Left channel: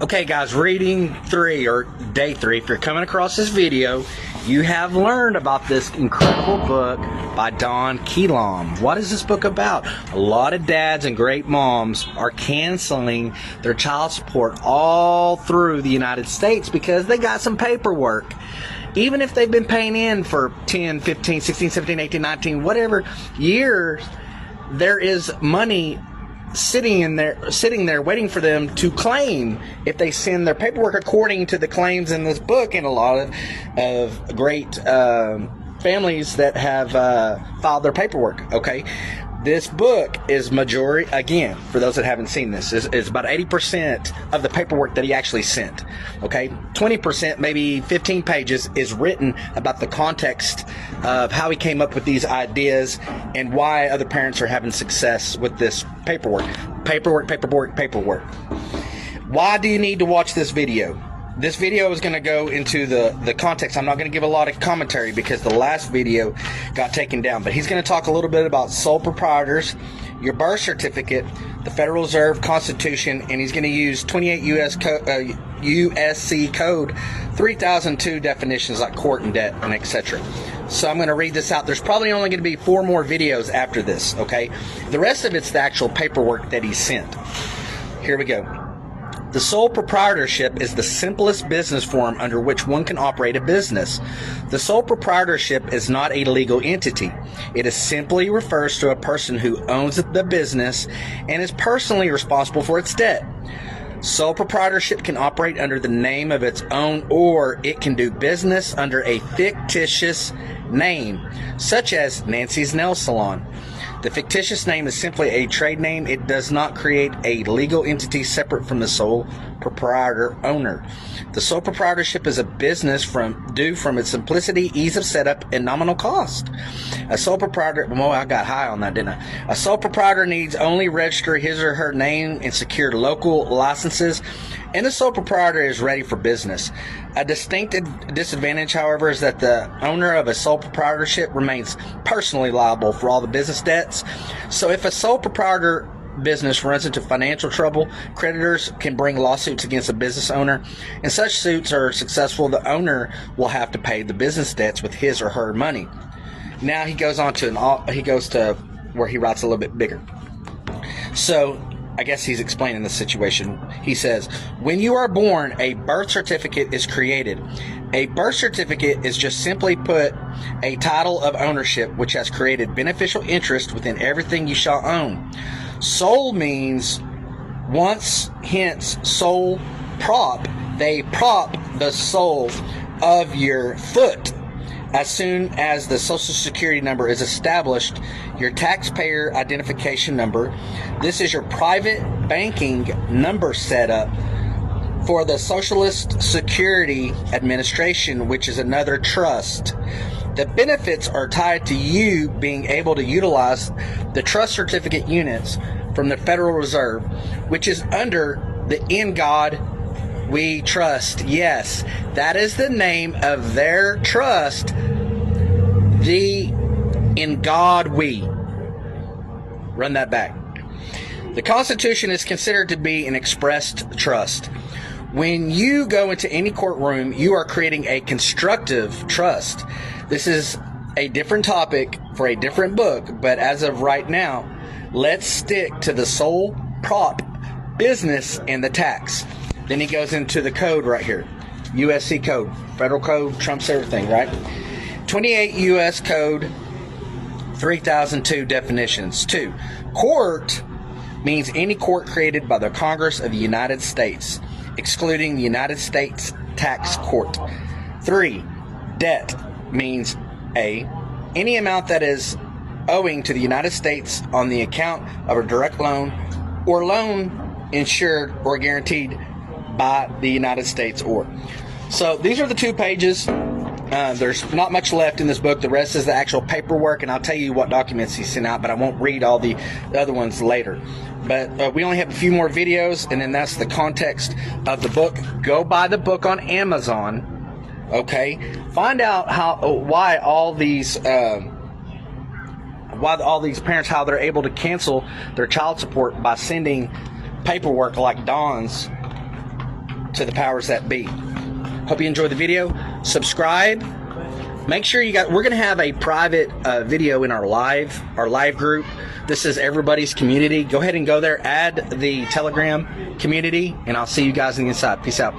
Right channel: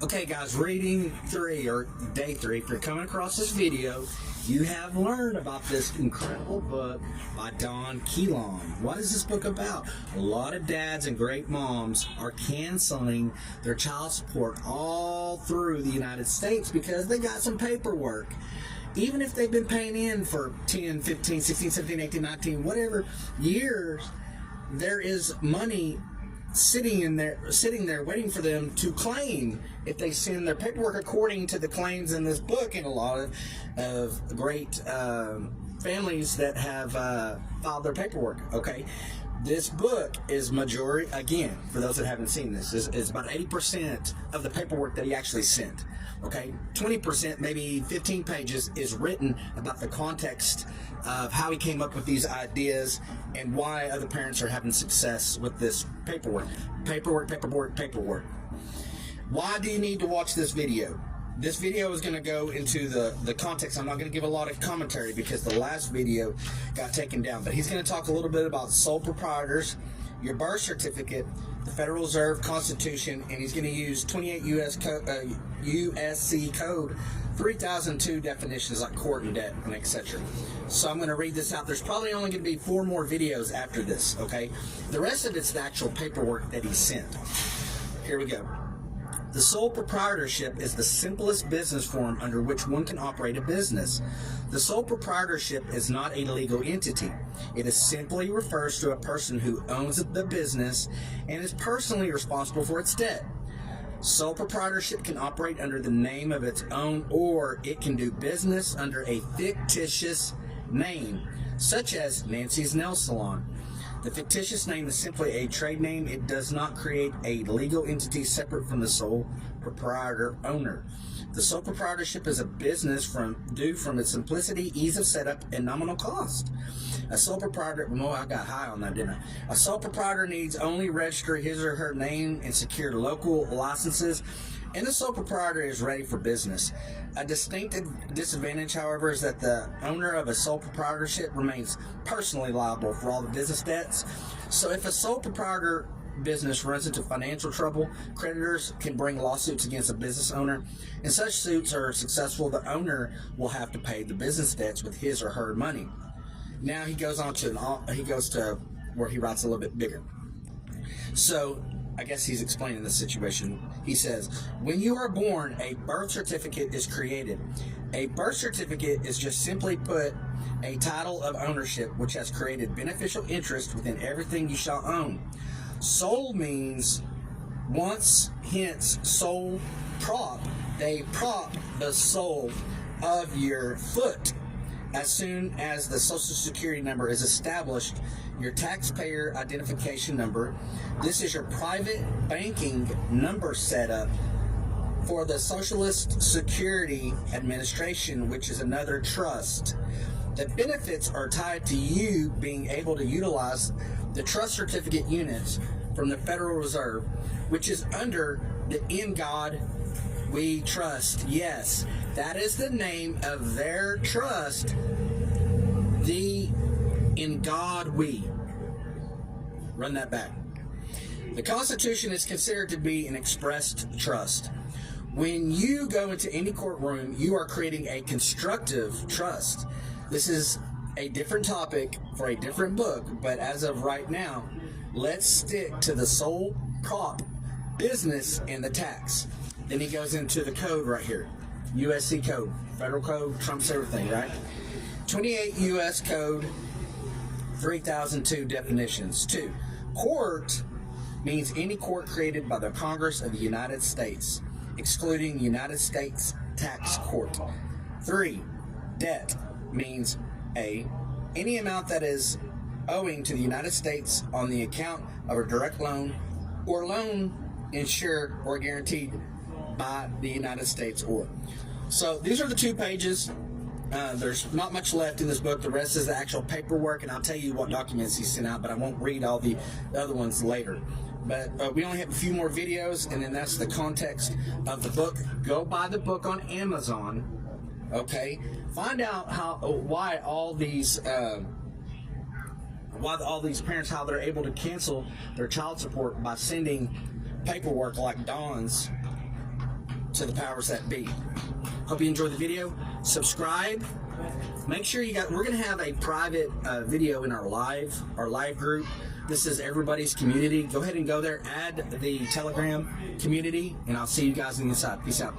Okay guys, reading 3 or day 3, if you're coming across this video, you have learned about this incredible book by Don Keelam. What is this book about? A lot of dads and great moms are canceling their child support all through the United States because they got some paperwork. Even if they've been paying in for 10, 15, 16, 17, 18, 19, whatever years, there is money sitting there waiting for them to claim if they send their paperwork according to the claims in this book. And a lot of great families that have filed their paperwork. Okay, this book is majority, again, for those that haven't seen this, is about 80% of the paperwork that he actually sent. Okay, 20%, maybe 15 pages, is written about the context of how he came up with these ideas and why other parents are having success with this paperwork. Why do you need to watch this video? This video is going to go into the context. I'm not going to give a lot of commentary because the last video got taken down. But he's going to talk a little bit about sole proprietors, your birth certificate, the Federal Reserve Constitution, and he's going to use 28 USC Code 3002 definitions like court and debt and etc. So I'm going to read this out. There's probably only going to be 4 more videos after this, okay? The rest of it's the actual paperwork that he sent. Here we go. The sole proprietorship is the simplest business form under which one can operate a business. The sole proprietorship is not a legal entity. It is simply refers to a person who owns the business and is personally responsible for its debt. Sole proprietorship can operate under the name of its own, or it can do business under a fictitious name, such as Nancy's Nail Salon. The fictitious name is simply a trade name. It does not create a legal entity separate from the sole proprietor owner. The sole proprietorship is a business due from its simplicity, ease of setup, and nominal cost. A sole proprietor, well, I got high on that, didn't I? A sole proprietor needs only register his or her name and secure local licenses, and the sole proprietor is ready for business. A distinct disadvantage, however, is that the owner of a sole proprietorship remains personally liable for all the business debts. So if a sole proprietor business runs into financial trouble, creditors can bring lawsuits against a business owner, and such suits are successful, the owner will have to pay the business debts with his or her money. Now he goes on to where he writes a little bit bigger. So I guess he's explaining the situation. He says, when you are born, a birth certificate is created. A birth certificate is just simply put a title of ownership which has created beneficial interest within everything you shall own. Sole means once, hence sole prop. They prop the sole of your foot. As soon as the Social Security number is established, your taxpayer identification number, this is your private banking number setup for the Socialist Security Administration, which is another trust. The benefits are tied to you being able to utilize the trust certificate units from the Federal Reserve, which is under the In God We Trust. Yes, that is the name of their trust, the In God We. Run that back. The Constitution is considered to be an expressed trust. When you go into any courtroom, you are creating a constructive trust. This is a different topic for a different book, but as of right now, let's stick to the sole prop business and the tax. Then he goes into the code right here. USC code. Federal code trumps everything, right? 28 U.S. Code 3002 definitions. 2. Court means any court created by the Congress of the United States, excluding the United States Tax Court. 3. Debt means A, any amount that is owing to the United States on the account of a direct loan or loan insured or guaranteed by the United States or. So these are the 2 pages. There's not much left in this book. The rest is the actual paperwork, and I'll tell you what documents he sent out, but I won't read all the other ones later. But we only have a few more videos, and then that's the context of the book. Go buy the book on Amazon. Okay, find out why all these parents, how they're able to cancel their child support by sending paperwork like Don's to the powers that be. Hope you enjoyed the video. Subscribe. Make sure you got, we're going to have a private video in our live group. This is everybody's community. Go ahead and go there, add the Telegram community, and I'll see you guys on the inside. Peace out.